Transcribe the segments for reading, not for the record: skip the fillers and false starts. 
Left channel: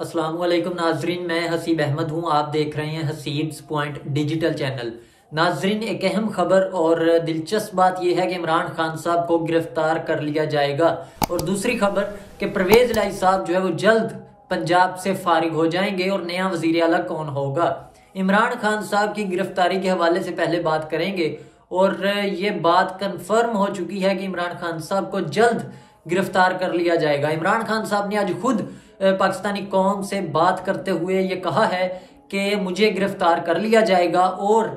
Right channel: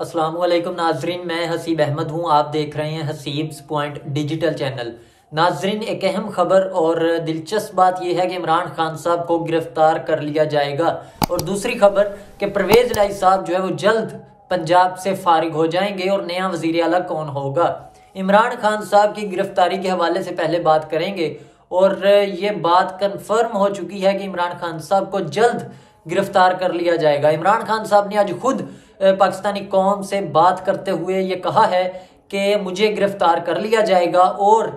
अस्सलामुअलैकुम नाजरीन, मैं हसीब अहमद हूं। आप देख रहे हैं हसीब्स पॉइंट डिजिटल चैनल। नाजरीन, एक अहम खबर और दिलचस्प बात यह है कि इमरान खान साहब को गिरफ्तार कर लिया जाएगा। और दूसरी खबर कि परवेज इलाही साहब जो है वो जल्द पंजाब से फारिग हो जाएंगे और नया वजीर आला कौन होगा। इमरान खान साहब की गिरफ्तारी के हवाले से पहले बात करेंगे और ये बात कंफर्म हो चुकी है कि इमरान खान साहब को जल्द गिरफ्तार कर लिया जाएगा। इमरान खान साहब ने आज खुद पाकिस्तानी कौम से बात करते हुए ये कहा है कि मुझे गिरफ्तार कर लिया जाएगा और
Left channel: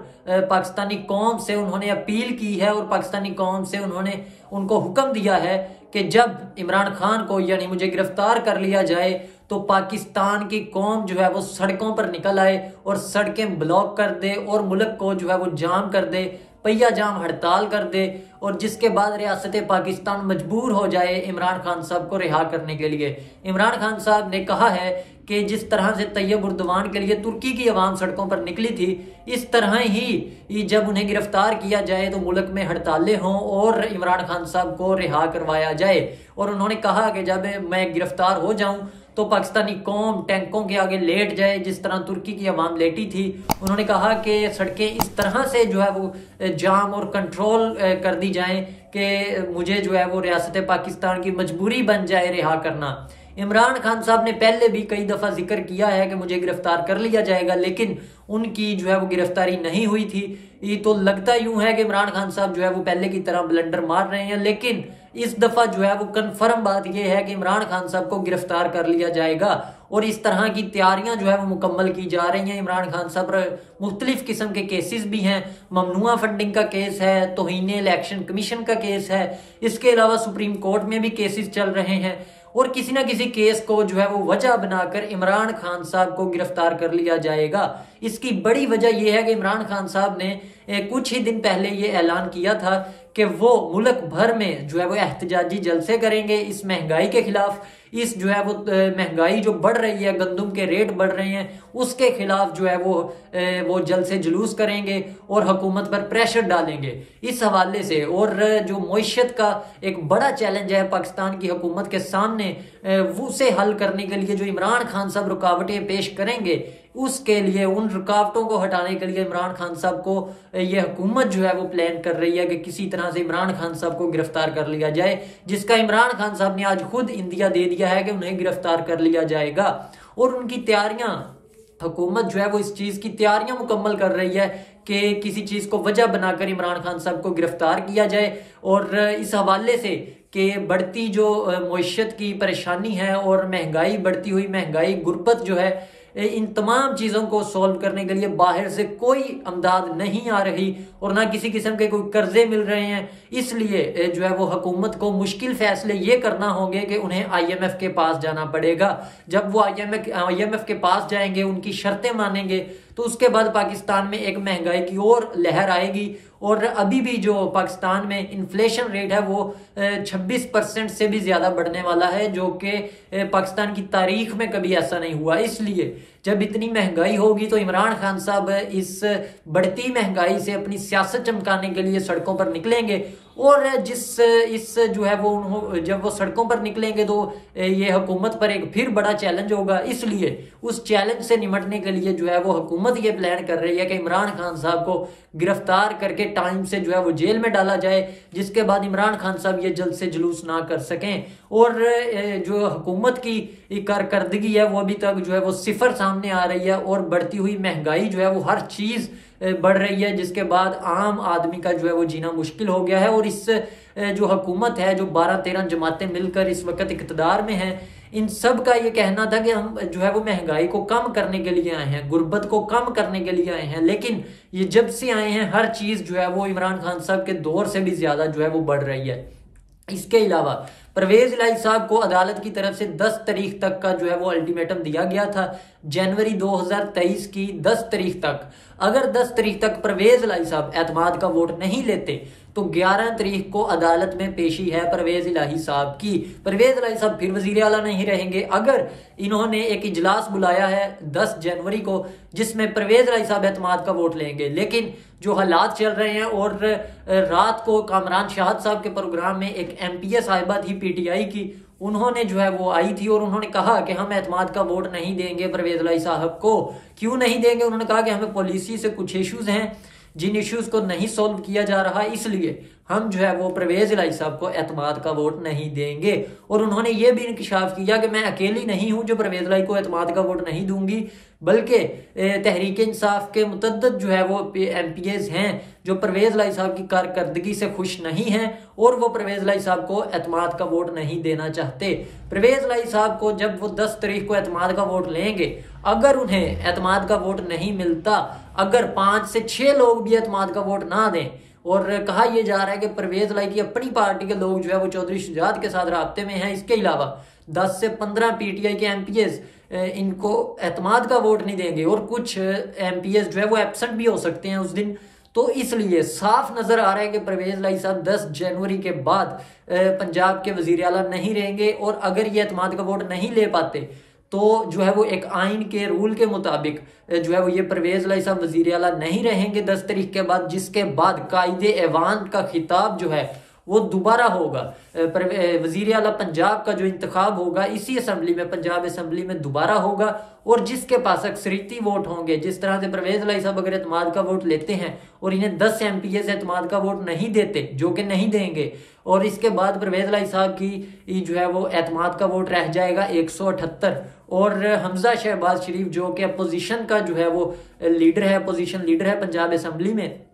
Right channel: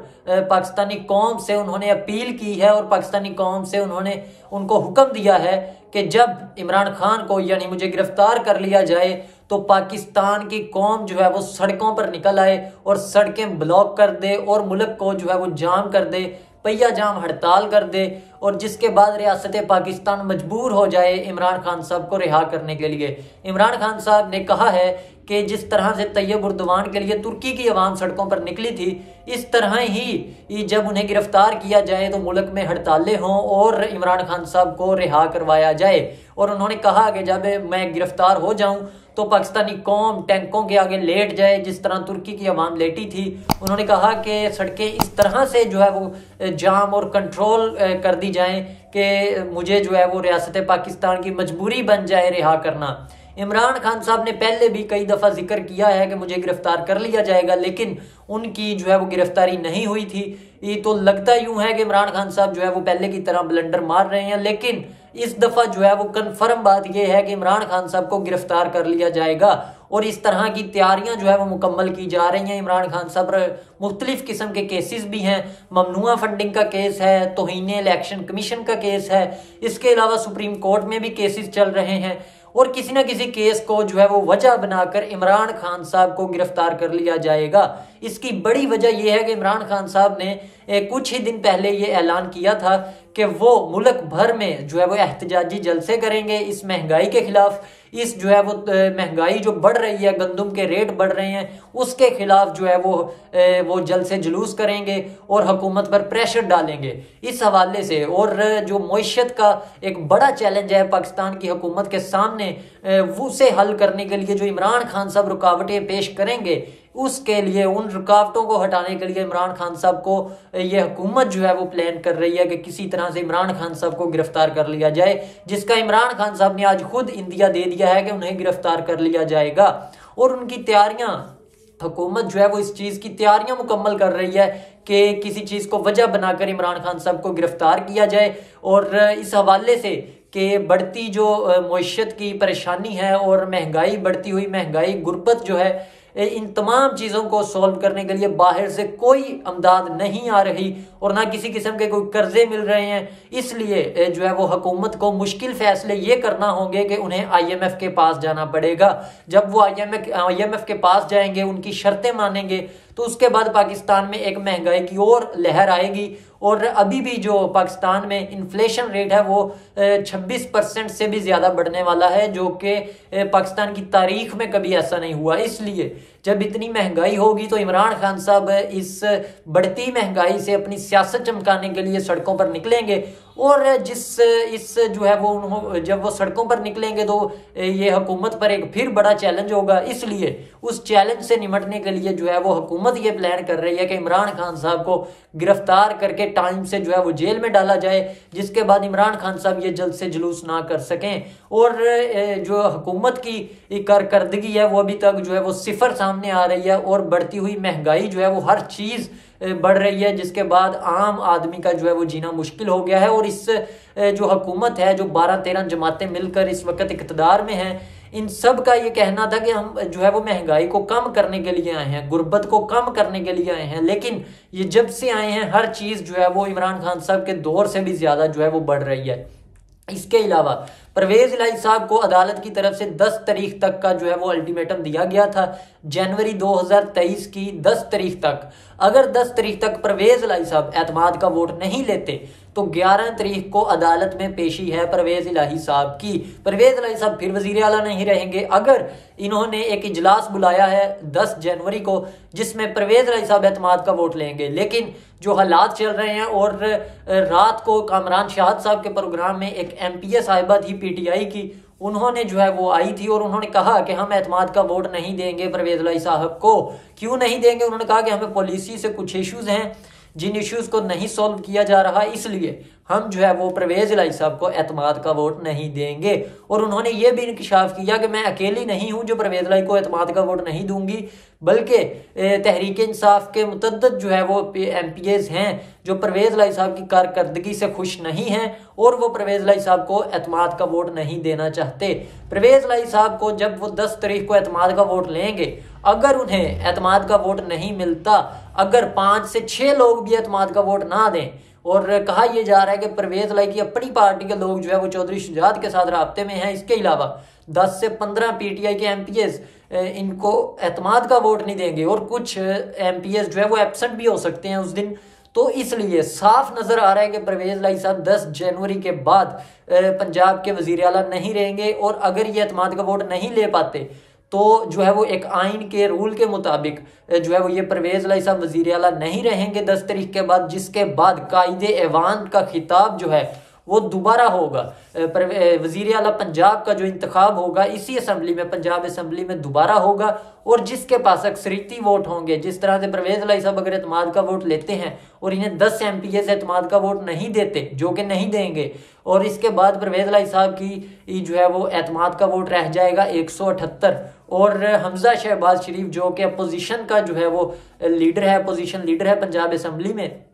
पाकिस्तानी कौम से उन्होंने अपील की है और पाकिस्तानी कौम से उन्होंने उनको हुक्म दिया है कि जब इमरान खान को यानी मुझे गिरफ्तार कर लिया जाए तो पाकिस्तान की कौम जो है वो सड़कों पर निकल आए और सड़कें ब्लॉक कर दे और मुल्क को जो है वो जाम कर दे, पहिया जाम हड़ताल कर दे और जिसके बाद रियासत पाकिस्तान मजबूर हो जाए इमरान खान साहब को रिहा करने के लिए। इमरान खान साहब ने कहा है कि जिस तरह से तैयब उर्दवान के लिए तुर्की की आवाम सड़कों पर निकली थी, इस तरह ही जब उन्हें गिरफ्तार किया जाए तो मुल्क में हड़तालें हों और इमरान खान साहब को रिहा करवाया जाए। और उन्होंने कहा कि जब मैं गिरफ्तार हो जाऊं तो पाकिस्तानी कौम टैंकों के आगे लेट जाए जिस तरह तुर्की की आवाम लेटी थी। उन्होंने कहा कि सड़कें इस तरह से जो है वो जाम और कंट्रोल कर दी जाएं कि मुझे जो है वो रियासत पाकिस्तान की मजबूरी बन जाए रिहा करना। इमरान खान साहब ने पहले भी कई दफा जिक्र किया है कि मुझे गिरफ्तार कर लिया जाएगा, लेकिन उनकी जो है वो गिरफ्तारी नहीं हुई थी। ये तो लगता यूं है कि इमरान खान साहब जो है वो पहले की तरह ब्लंडर मार रहे हैं, लेकिन इस दफा जो है वो कंफर्म बात यह है कि इमरान खान साहब को गिरफ्तार कर लिया जाएगा और इस तरह की तैयारियां जो है वो मुकम्मल की जा रही हैं। इमरान खान साहब पर मुख्तलिफ किस्म के केसेस भी हैं। ममनुआ फंडिंग का केस है, तौहीन इलेक्शन कमीशन का केस है, इसके अलावा सुप्रीम कोर्ट में भी केसेस चल रहे हैं और किसी ना किसी केस को जो है वो वजह बनाकर इमरान खान साहब को गिरफ्तार कर लिया जाएगा। इसकी बड़ी वजह यह है कि इमरान खान साहब ने कुछ ही दिन पहले ये ऐलान किया था कि वो मुल्क भर में जो है वो एहतजाजी जलसे करेंगे इस महंगाई के खिलाफ। इस जो है वो महंगाई जो बढ़ रही है, गंदम के रेट बढ़ रहे हैं, उसके खिलाफ जो है वो जलसे जुलूस करेंगे और हुकूमत पर प्रेशर डालेंगे इस हवाले से। और जो मईशत का एक बड़ा चैलेंज है पाकिस्तान की हुकूमत के सामने, उसे हल करने के लिए जो इमरान खान साहब रुकावटें पेश करेंगे, उसके लिए उन रुकावटों को हटाने के लिए इमरान खान साहब को यह हुकूमत जो है वो प्लान कर रही है कि किसी तरह से इमरान खान साहब को गिरफ्तार कर लिया जाए, जिसका इमरान खान साहब ने आज खुद इंदिया दे दिया है कि उन्हें गिरफ्तार कर लिया जाएगा। और उनकी तैयारियां, हुकूमत जो है वो इस चीज की तैयारियां मुकम्मल कर रही है कि किसी चीज को वजह बनाकर इमरान खान साहब को गिरफ्तार किया जाए। और इस हवाले से कि बढ़ती जो मईशत की परेशानी है और महंगाई, बढ़ती हुई महंगाई, गुर्बत जो है, इन तमाम चीजों को सॉल्व करने के लिए बाहर से कोई अमदाद नहीं आ रही और ना किसी किस्म के कोई कर्जे मिल रहे हैं। इसलिए जो है वो हुकूमत को मुश्किल फैसले ये करना होंगे कि उन्हें IMF के पास जाना पड़ेगा। जब वो IMF के पास जाएंगे, उनकी शर्तें मानेंगे, तो उसके बाद पाकिस्तान में एक महंगाई की और लहर आएगी। और अभी भी जो पाकिस्तान में इन्फ्लेशन रेट है वो 26% से भी ज्यादा बढ़ने वाला है, जो कि पाकिस्तान की तारीख में कभी ऐसा नहीं हुआ। इसलिए जब इतनी महंगाई होगी तो इमरान खान साहब इस बढ़ती महंगाई से अपनी सियासत चमकाने के लिए सड़कों पर निकलेंगे। और जो है वो जब वो सड़कों पर निकलेंगे तो ये हुकूमत पर एक फिर बड़ा चैलेंज होगा। इसलिए उस चैलेंज से निपटने के लिए जो है वो हुकूमत ये प्लान कर रही है कि इमरान खान साहब को गिरफ्तार करके टाइम से जो है वो जेल में डाला जाए, जिसके बाद इमरान खान साहब ये जल्द से जुलूस ना कर सकें। और जो हुकूमत की कारकर्दगी है वो अभी तक जो है वो सिफर सामने आ रही है और बढ़ती हुई महंगाई जो है वो हर चीज बढ़ रही है, जिसके बाद आम आदमी का जो है वो जीना मुश्किल हो गया है। और इस जो हुकूमत है, जो 12-13 जमातें मिलकर इस वक्त इक़्तिदार में हैं, इन सब का ये कहना था कि हम जो है वो महंगाई को कम करने के लिए आए हैं, गुर्बत को कम करने के लिए आए हैं, लेकिन ये जब से आए हैं हर चीज जो है वो इमरान खान साहब के दौर से भी ज्यादा जो है वो बढ़ रही है। इसके अलावा परवेज इलाही साहब को अदालत की तरफ से 10 तारीख तक का जो है वो अल्टीमेटम दिया गया था, जनवरी 2023 की 10 तारीख तक। अगर 10 तारीख तक परवेज इलाही साहब एतमाद का वोट नहीं लेते तो 11 तारीख को अदालत में पेशी है परवेज इलाही साहब की। परवेज इलाही साहब फिर वजीर आला नहीं रहेंगे। अगर इन्होंने एक इजलास बुलाया है 10 जनवरी को जिसमें परवेज इलाही साहब एतमाद का वोट लेंगे, लेकिन जो हालात चल रहे हैं और रात को कामरान शाहद साहब के प्रोग्राम में एक MPA साहिबा थी PTI की, उन्होंने जो है वो आई थी और उन्होंने कहा कि हम एतमाद का वोट नहीं देंगे परवेज लाई साहब को। क्यों नहीं देंगे? उन्होंने कहा कि हमें पॉलिसी से कुछ इश्यूज हैं जिन इश्यूज को नहीं सॉल्व किया जा रहा, इसलिए हम जो है वो परवेज लाई साहब को एतमाद का वोट नहीं देंगे। और उन्होंने ये भी इंकशाफ किया कि मैं अकेली नहीं हूं जो परवेज लाई को एतमाद का वोट नहीं दूंगी, बल्कि तहरीक इंसाफ के मुतद्दद जो है वो MPAs हैं जो परवेज लाई साहब की कारकर्दगी से खुश नहीं हैं और वो परवेज लाई साहब को एतमाद का वोट नहीं देना चाहते। परवेज लाई साहब को जब वो 10 तारीख को एतमाद का वोट लेंगे, अगर उन्हें एतमाद का वोट नहीं मिलता, अगर 5 से 6 लोग भी एतमाद का वोट ना दें, और कहा यह जा रहा है कि परवेज लाई की अपनी पार्टी के लोग जो है वो चौधरी शुजात के साथ राब्ते में हैं, इसके अलावा 10 से 15 PTI के MPAs इनको एतमाद का वोट नहीं देंगे और कुछ MPAs जो है वो एब्सेंट भी हो सकते हैं उस दिन। तो इसलिए साफ नजर आ रहा है कि परवेज लाई साहब 10 जनवरी के बाद पंजाब के वजीर आला नहीं रहेंगे और अगर ये एतमाद का वोट नहीं ले पाते तो जो है वो एक आइन के रूल के मुताबिक जो है वो ये परवेज लाई साहब वजीर आला नहीं रहेंगे 10 तारीख के बाद, जिसके बाद कायदे ऐवान का खिताब जो है वो दोबारा होगा। वजीर आला पंजाब का जो इंतखाब होगा इसी असेंबली में, पंजाब असेंबली में दोबारा होगा और जिसके पास अक्सरियती वोट होंगे, जिस तरह से परवेज लाई साहब अगर एतमाद का वोट लेते हैं और इन्हें 10 MPAs एतमाद का वोट नहीं देते, जो कि नहीं देंगे, और इसके बाद परवेज लाई साहब की जो है वो एतमाद का वोट रह जाएगा 178 और हमजा शहबाज शरीफ जो कि अपोजिशन का जो है वो लीडर है, अपोजिशन लीडर है पंजाब असेंबली में,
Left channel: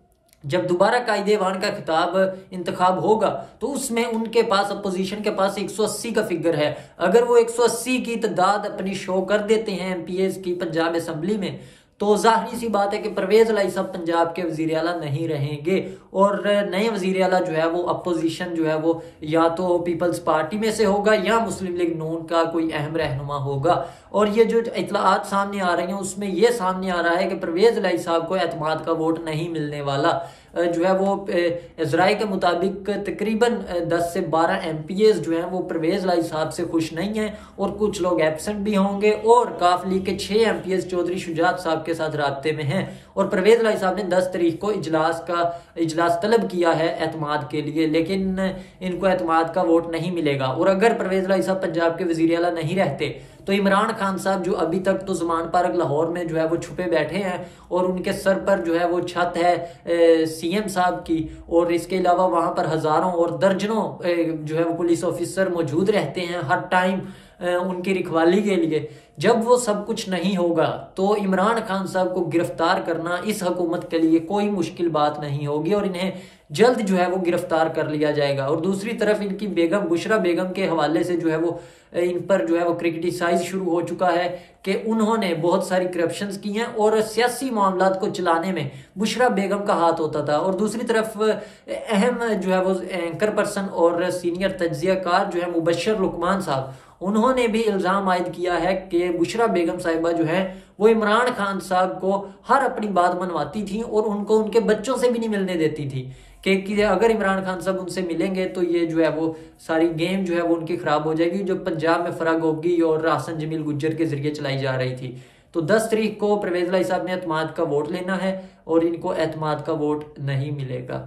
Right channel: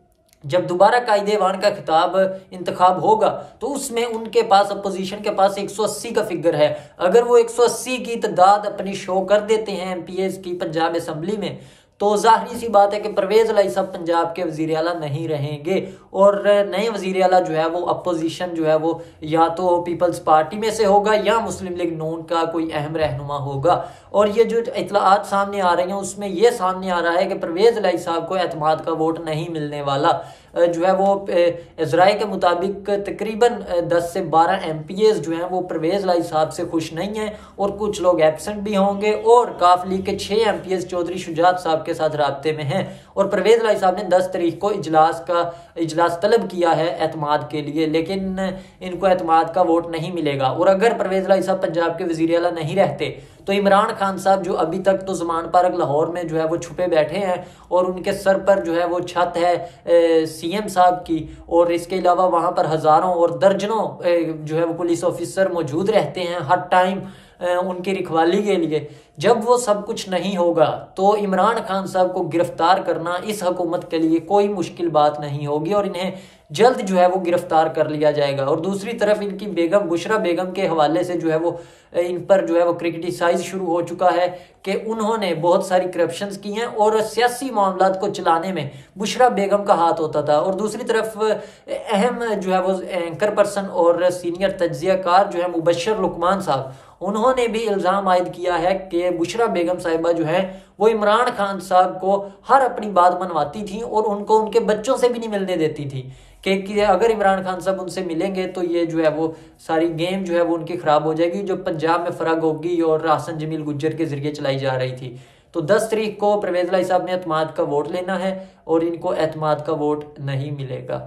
जब दोबारा कायदे-ए-वान का खिताब इंतखाब होगा तो उसमें उनके पास, अपोजिशन के पास 180 का फिगर है। अगर वो 180 की तादाद अपनी शो कर देते हैं MPAs की पंजाब असेंबली में, तो जाहिर सी बात है कि परवेज लाई साहब पंजाब के वजीर आला नहीं रहेंगे और नए वजीर आला जो है वो अपोजिशन जो है वो या तो पीपल्स पार्टी में से होगा या मुस्लिम लीग नून का कोई अहम रहनुमा होगा। और ये जो इतलात सामने आ रही हैं उसमें ये सामने आ रहा है कि परवेज लाई साहब को एतमाद का वोट नहीं मिलने वाला। जो है वो इजराय के मुताबिक तकरीबन 10 से 12 MPAs जो हैं वो परवेज लाई साहब से खुश नहीं हैं और कुछ लोग एब्सेंट भी होंगे और काफ लीग के 6 MPAs चौधरी शुजात साहब के साथ राब्ते में हैं और परवेज लाई साहब ने 10 तारीख को इजलास तलब किया है एतमाद के लिए, लेकिन इनको एतमाद का वोट नहीं मिलेगा। और अगर परवेज लाई साहब पंजाब के वजीर आला नहीं रहते तो इमरान खान साहब जो अभी तक तो ज़मान पार्क लाहौर में जो है वो छुपे बैठे हैं और उनके सर पर जो है वो छत है CM साहब की, और इसके अलावा वहां पर हजारों और दर्जनों जो है वो पुलिस ऑफिसर मौजूद रहते हैं हर टाइम उनकी रखवाली के लिए। जब वो सब कुछ नहीं होगा तो इमरान खान साहब को गिरफ्तार करना इस हुकूमत के लिए कोई मुश्किल बात नहीं होगी और इन्हें जल्द जो है वो गिरफ्तार कर लिया जाएगा। और दूसरी तरफ इनकी बेगम बुशरा बेगम के हवाले से जो है वो इन पर जो है वो क्रिटिसाइज शुरू हो चुका है कि उन्होंने बहुत सारी करप्शंस की हैं और सियासी मामलात को चलाने में बुशरा बेगम का हाथ होता था। और दूसरी तरफ अहम जो है वो एंकर पर्सन और सीनियर तज्जियाकार जो है मुबशर लुकमान साहब, उन्होंने भी इल्जाम आयद किया है कि बुशरा बेगम साहिबा जो है वो इमरान खान साहब को हर अपनी बात मनवाती थी और उनको उनके बच्चों से भी नहीं मिलने देती थी कि अगर इमरान खान साहब उनसे मिलेंगे तो ये जो है वो सारी गेम जो है वो उनकी खराब हो जाएगी, जो पंजाब में फराग होगी और हासन जमील गुज्जर के जरिए चलाई जा रही थी। तो 10 तारीख को परवेज लाई साहब ने एतमाद का वोट लेना है और इनको एतमाद का वोट नहीं मिलेगा।